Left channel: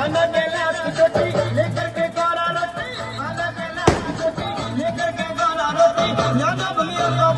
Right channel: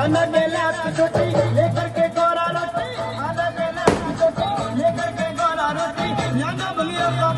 आना गेला किशोरी लेकर के गोरा रोटी, आना गेला किशोरी लेकर के गोरा रोटी, जाना भलिया का